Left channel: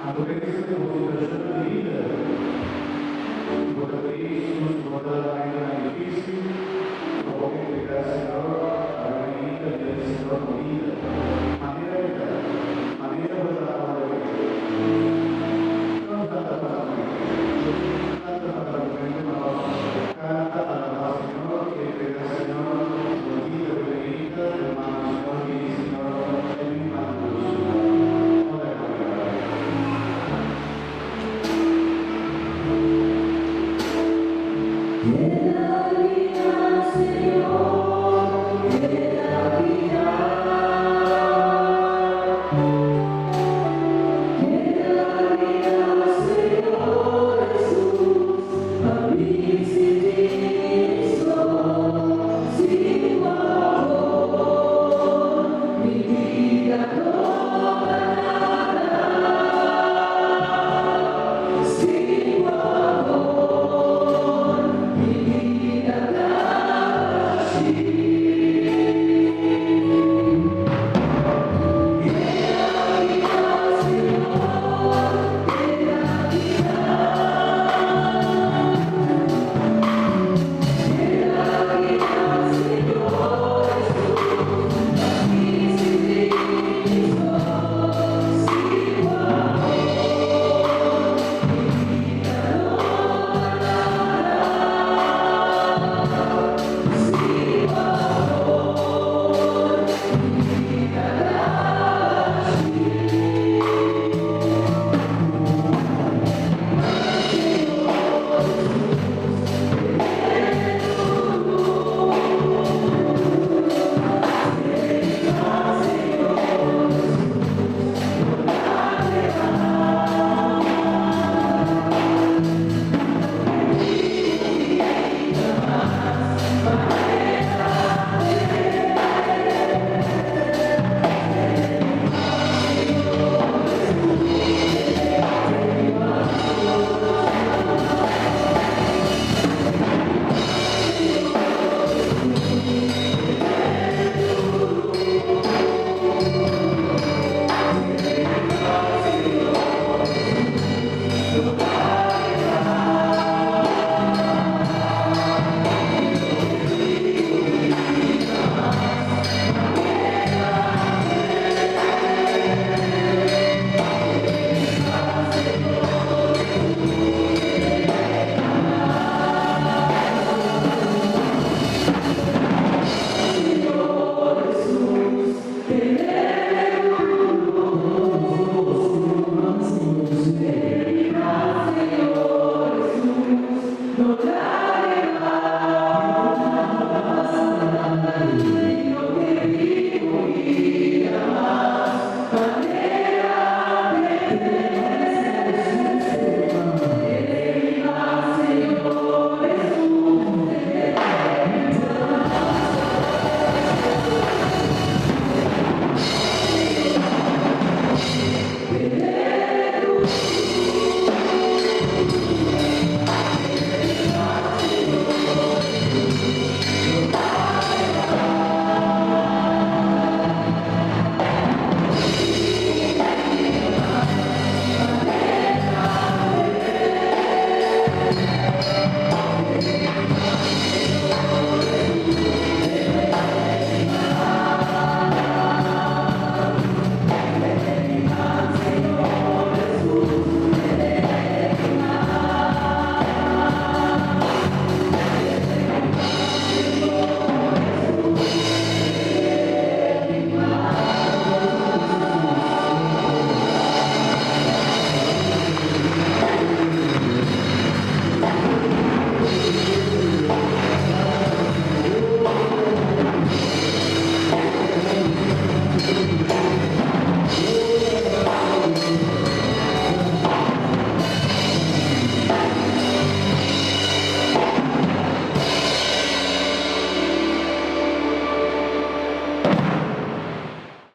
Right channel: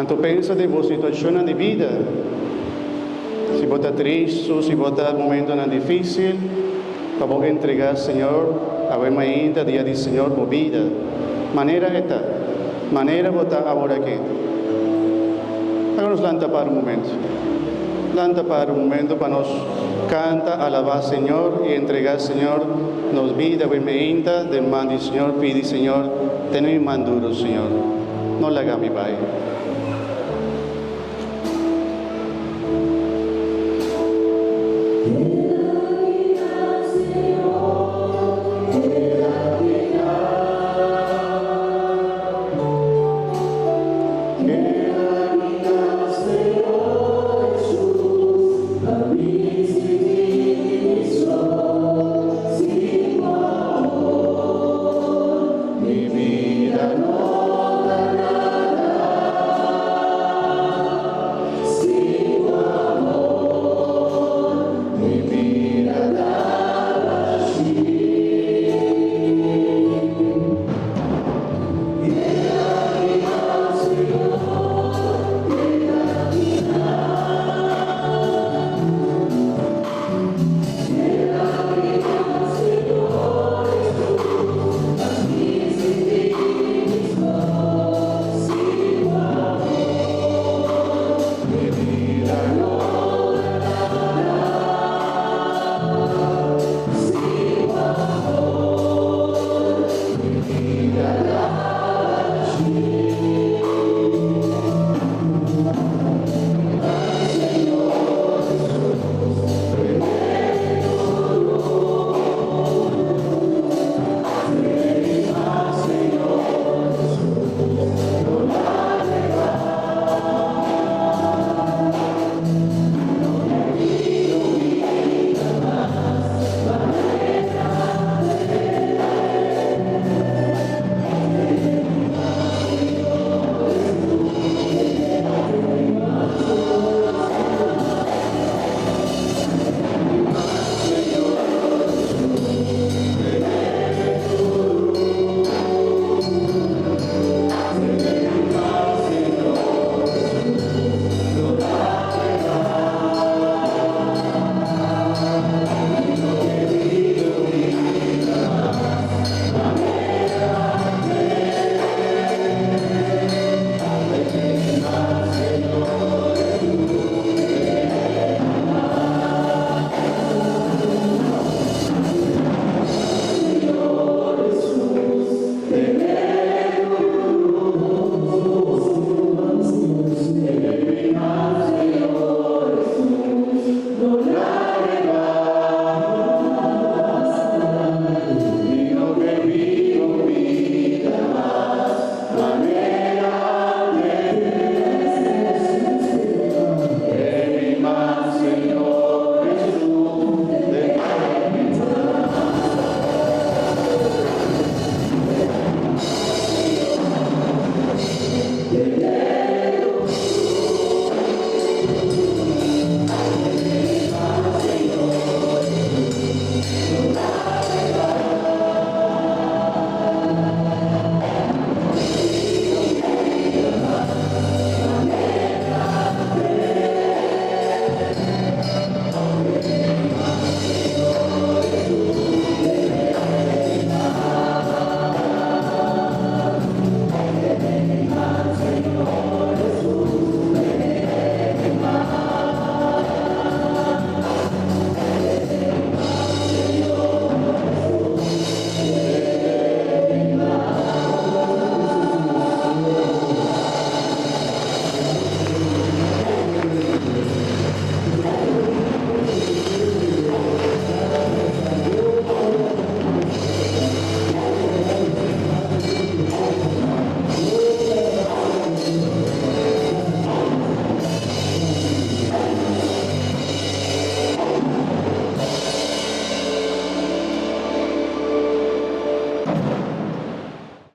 Quando pensa de vossa situação de vida, se você está triste, se você está em um momento difícil, acabou de entregar, Senhor, a vossa ainda, dia de Senhor, por vida. Maneira esta, maneira você agora aqui. Agora nos lanta para um momento. Lanta para um momento para nós cantar, alabar, Senhor, e entregar, Senhor, nos vida, vossa ainda, demande, Senhor, pede, Senhor, tem-me mandado, Senhor. Não larga, meu Pai. Mira,